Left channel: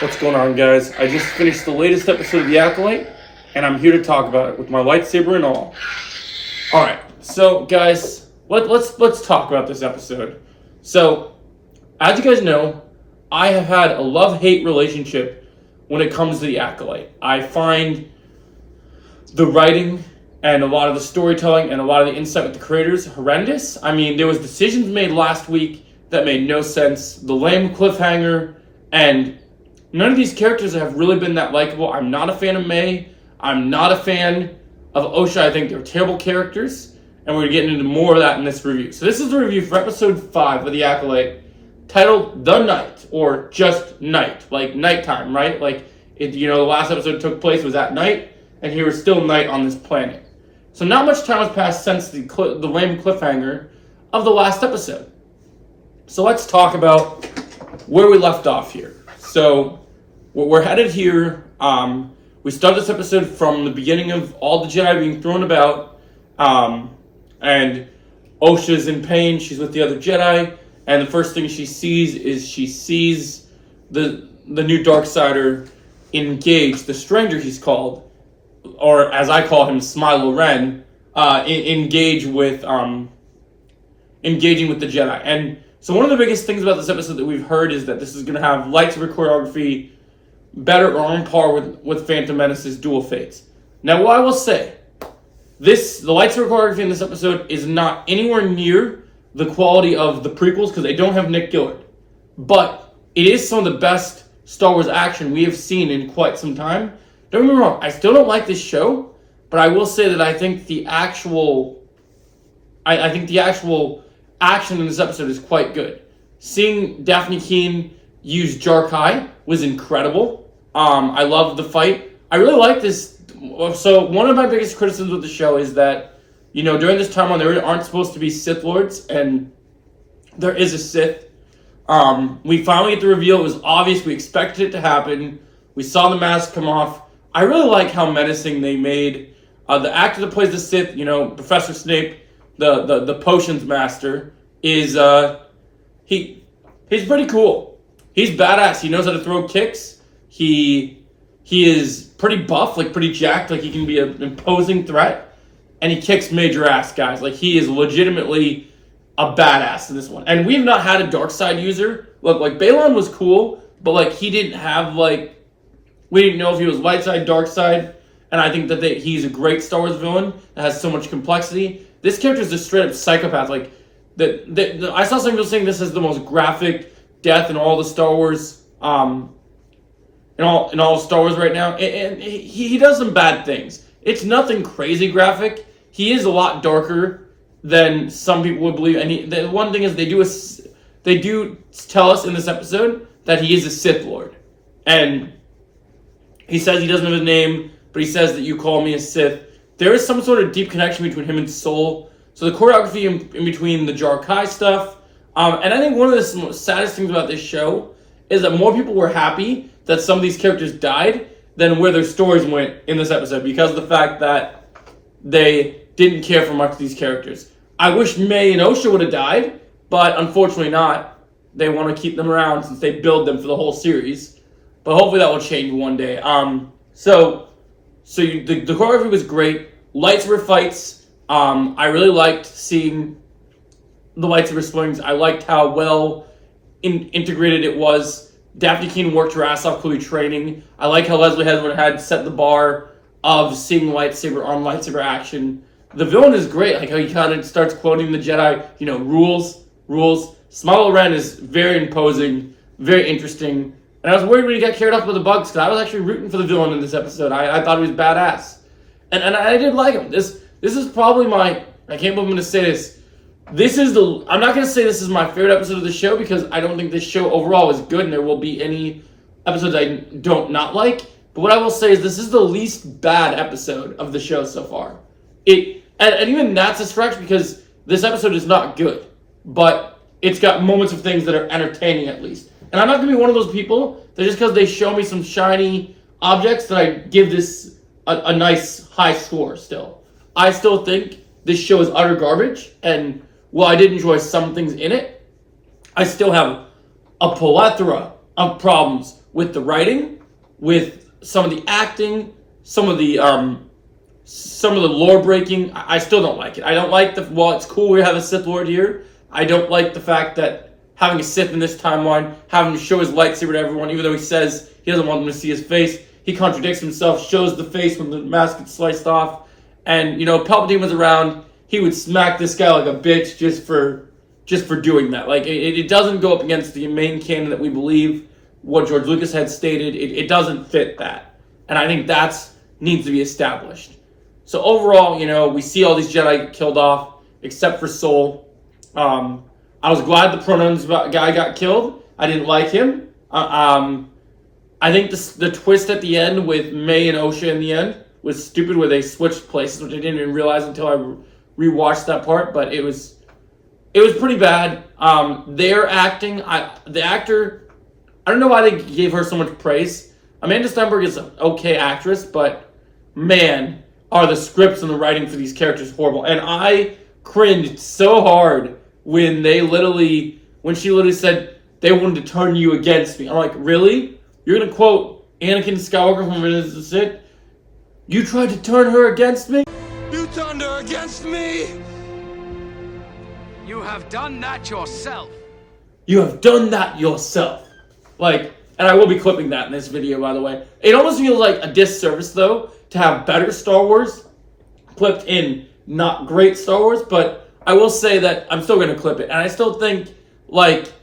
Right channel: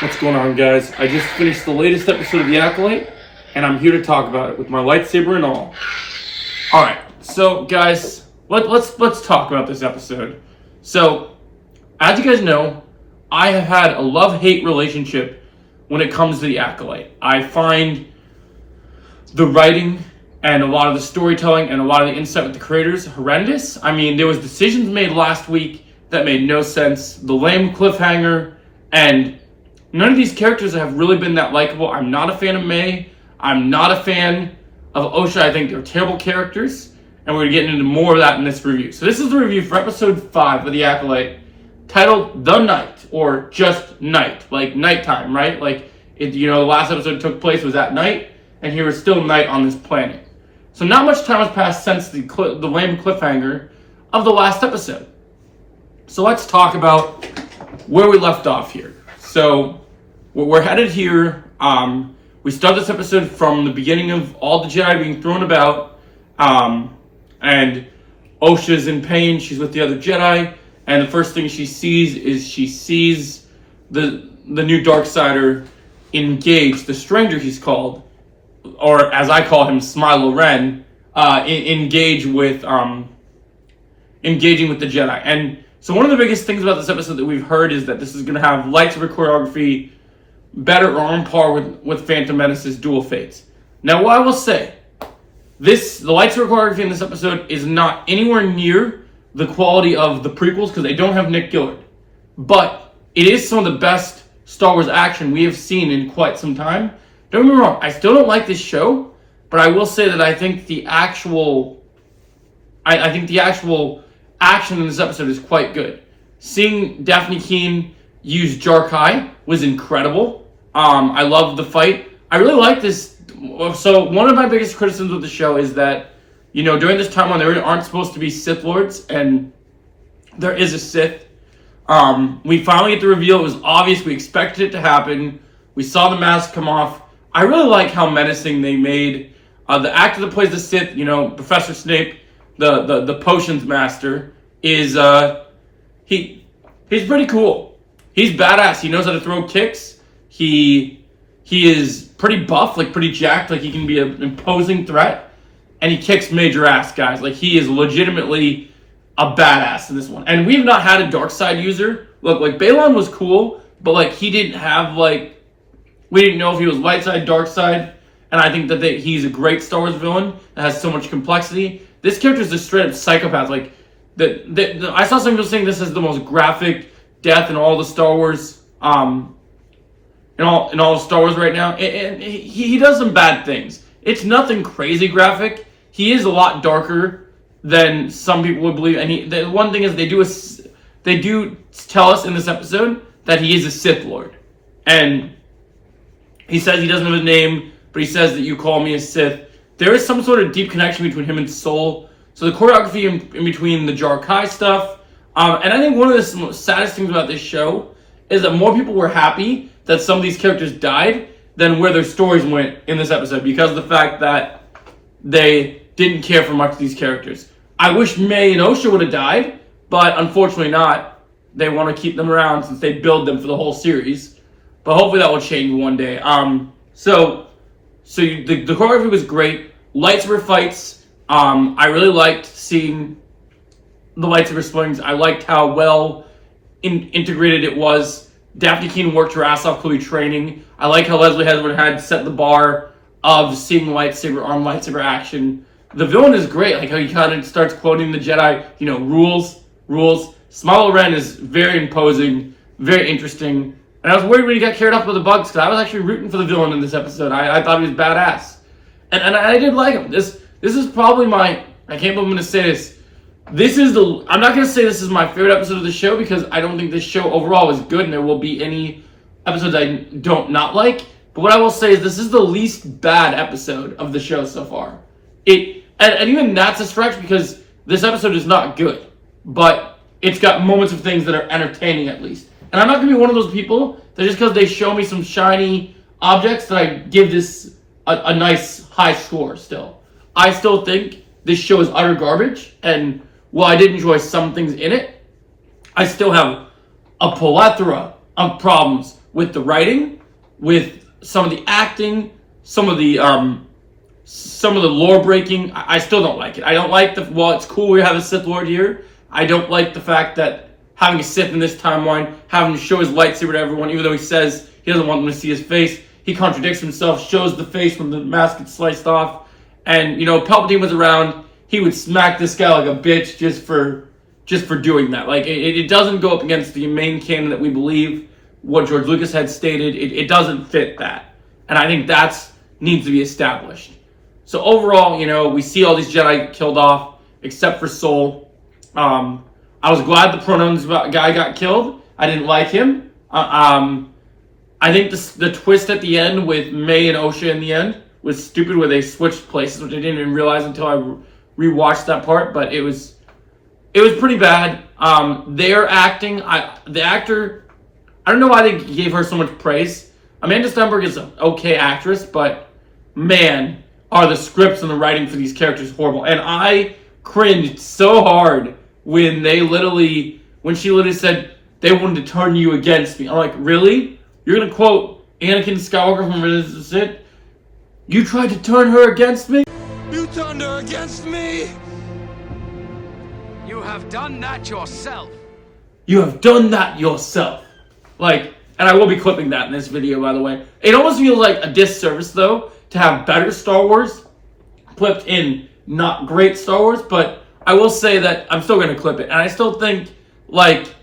What's going on, guys? I just finished the latest episode of The Acolyte, and I'm here to talk about it with my lightsaber and all. Alright, so guys, let's talk about this episode. So, as you guys know, I have had a love-hate relationship when it comes to The Acolyte. I find the writing and a lot of the storytelling and a lot of the insight with the creators horrendous. I mean, there was decisions made last week that made no sense. The lame cliffhanger, and none of these characters have really been that likable. I'm not a fan of May. I'm not a fan of Osha. I think they're terrible characters, and we're getting into more of that in this review. So this is the review for episode 5 of The Acolyte, titled The Night, or just Night, like nighttime, right? Like, the last episode took place was at night, and here is still night on this planet. So not much time has passed since the lame cliffhanger of the last episode. So let's talk about where we left off here. So we're headed here. We start this episode from the beginning of all the Jedi being thrown about, and Osha's in pain. She's with the other Jedi, and the first thing she sees the new Darksider engage the stranger he's called, or as I call him, Smilo Ren, engaging with the Jedi. And so one of the biggest things about this episode that we've heard is that this is going to have lightsaber choreography better or on par with Phantom Menace's Dual Fates. Now, what I will say, the lightsaber choreography in this episode is not anywhere near the quality of the prequels because they don't have Nick Gillard. But it is some of the best Star Wars action we have seen in quite some time. Don't get me wrong, I still don't like this show, but I will say that I think the actual action in this episode is quite good. Seeing Daphne Keane use Jar-Kai was incredible. I loved the fight. I really like this. So one of my biggest criticisms of the show is that, during this time when there aren't supposed to be Sith Lords, and there is a Sith. We finally get the reveal. It was obvious. We expected it to happen. We saw the mask come off. I really like how menacing they made the actor that plays the Sith. Professor Snape, the potions master, is he's pretty cool. He's badass. He knows how to throw kicks. He is pretty buff, like pretty jacked, like he can be an imposing threat, and he kicks major ass, guys. Like, he is legitimately a badass in this one. And we've not had a dark side user. Look, like, Balon was cool, but like he didn't have we didn't know if he was light side, dark side, and I think that he's a great Star Wars villain that has so much complexity. This character is a straight up psychopath. Like, I saw some people saying this is the most graphic death in all the Star Wars, in all of Star Wars right now. And he does some bad things. It's nothing crazy graphic. He is a lot darker than some people would believe. And the one thing is they do tell us in this episode that he is a Sith Lord, and he says he doesn't have a name, but he says that you call me a Sith. There is some sort of deep connection between him and Soul. So the choreography in between the Jar-Kai stuff, and I think one of the most saddest things about this show is that more people were happy that some of these characters died than where their stories went in this episode, because of the fact that they didn't care for much of these characters. I wish May and Osha would have died, but unfortunately not. They want to keep them around since they build them for the whole series. But hopefully that will change one day. The choreography was great. Lightsaber fights. I really liked seeing the lightsaber swings. I liked how well integrated it was. Daphne Keane worked her ass off, clearly training. I like how Leslie Hesburn had set the bar of seeing lightsaber on lightsaber action. The villain is great. Like how he kind of starts quoting the Jedi, rules. Smilo Ren is very imposing, very interesting. And I was worried when he got carried off by the bugs, because I was actually rooting for the villain in this episode. I thought he was badass. And I did like him. This is probably I can't believe I'm going to say this. I'm not going to say this is my favorite episode of the show, because I don't think this show overall is good, and there will be any episodes I don't not like. But what I will say is this is the least bad episode of the show so far. And even that's a stretch, because this episode is not good. But it's got moments of things that are entertaining, at least. And I'm not going to be one of those people that just because they show me some shiny objects that I give this a nice high score still. I still think this show is utter garbage, and while I did enjoy some things in it, I still have a plethora of problems with the writing, with some of the acting, some of the lore breaking. I still don't like it. I don't like while it's cool we have a Sith Lord here, I don't like the fact that having a Sith in this timeline, having to show his lightsaber to everyone, even though he says he doesn't want them to see his face, he contradicts himself, shows the face when the mask gets sliced off. And, Palpatine was around, he would smack this guy like a bitch just for doing that. Like, it doesn't go up against the main canon that we believe, what George Lucas had stated. It doesn't fit that. And I think that needs to be established. So overall, we see all these Jedi get killed off, except for Sol. I was glad the Pronoun's guy got killed. I didn't like him. I think the twist at the end with May and Osha in the end was stupid, where they switched places, which I didn't even realize until I rewatched that part. But it was pretty bad. Their acting, the actor, I don't know why they gave her so much praise. Amanda Stenberg is an okay actress, but man, are the scripts and the writing for these characters horrible. And I cringed so hard when she literally said they wanted to turn you against me. I'm like, really? You're going to quote Anakin Skywalker from Revenge of the Sith? You tried to turn her against me? You turned her against me? You have done that yourself. You have done that yourself. Like, and I will be clipping that in this video, by the way. It almost feels like a disservice, though, to have better Star Wars clipped in not great Star Wars, but I will say that I'm still going to clip it. And I still think, like,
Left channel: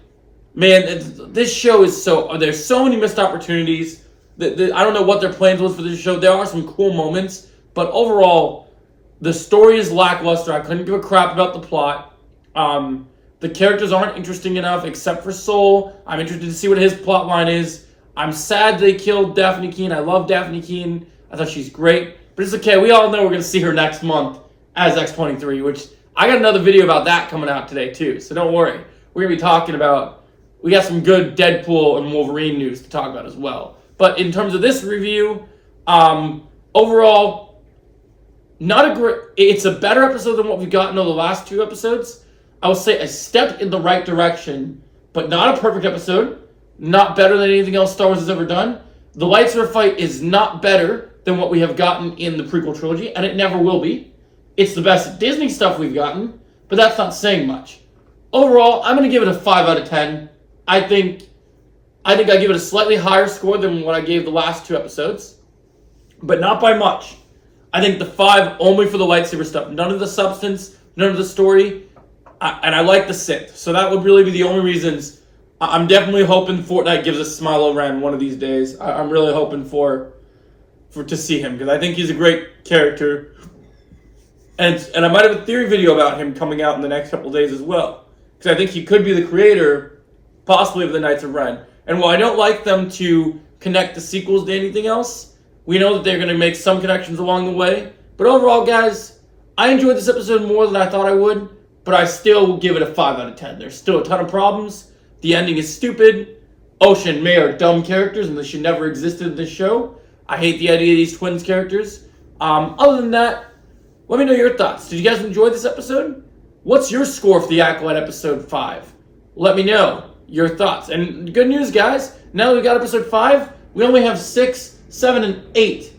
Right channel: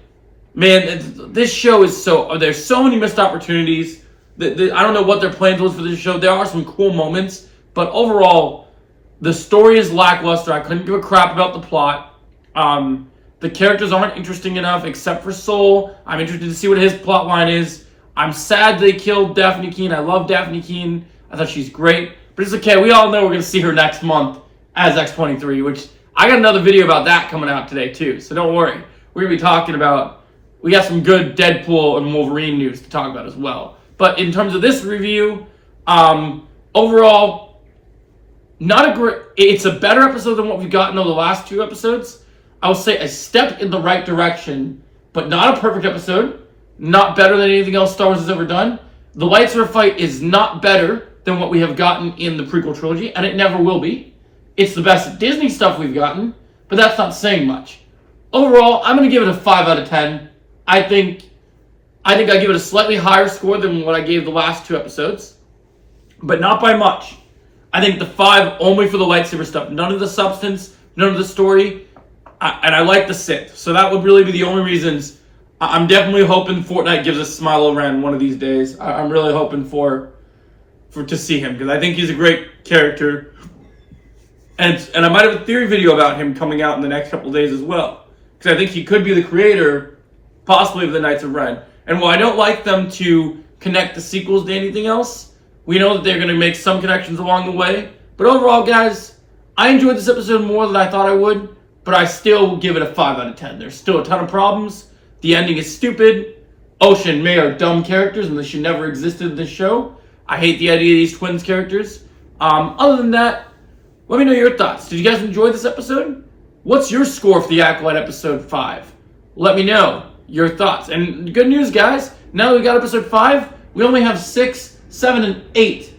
man, this show is there's so many missed opportunities. I don't know what their plans was for this show. There are some cool moments, but overall, the story is lackluster. I couldn't give a crap about the plot. The characters aren't interesting enough, except for Sol. I'm interested to see what his plot line is. I'm sad they killed Daphne Keane. I love Daphne Keane. I thought she's great. But it's okay. We all know we're going to see her next month as X-23, which I got another video about that coming out today, too. So don't worry. We're going to be talking about... We got some good Deadpool and Wolverine news to talk about as well. But in terms of this review, overall, not a great... It's a better episode than what we've gotten over the last two episodes. I will say a step in the right direction, but not a perfect episode. Not better than anything else Star Wars has ever done. The lightsaber fight is not better than what we have gotten in the prequel trilogy, and it never will be. It's the best Disney stuff we've gotten, but that's not saying much. Overall, I'm going to give it a 5 out of 10. I think I give it a slightly higher score than what I gave the last two episodes, but not by much. I think the 5 only for the lightsaber stuff. None of the substance, none of the story, and I like the Sith. So that would really be the only reasons. I'm definitely hoping Fortnite gives us Smilo Ren one of these days. I'm really hoping for to see him, because I think he's a great character. And I might have a theory video about him coming out in the next couple of days as well, because I think he could be the creator, possibly, of the Knights of Ren. And while I don't like them to connect the sequels to anything else, we know that they're going to make some connections along the way. But overall, guys, I enjoyed this episode more than I thought I would, but I still will give it a 5 out of 10. There's still a ton of problems. The ending is stupid. Osha and May are dumb characters, and they should never existed in this show. I hate the idea of these twins characters. Other than that, let me know your thoughts. Did you guys enjoy this episode? What's your score for the Acolyte episode 5? Let me know your thoughts. And good news, guys. Now that we got episode 5, we only have 6, 7, and 8.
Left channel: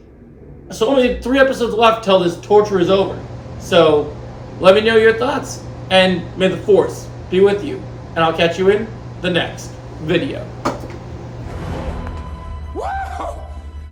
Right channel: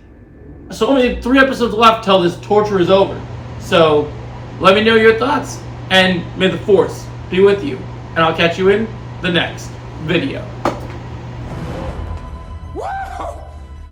So only 3 episodes left till this torture is over. So let me know your thoughts. And may the Force be with you. And I'll catch you in the next video.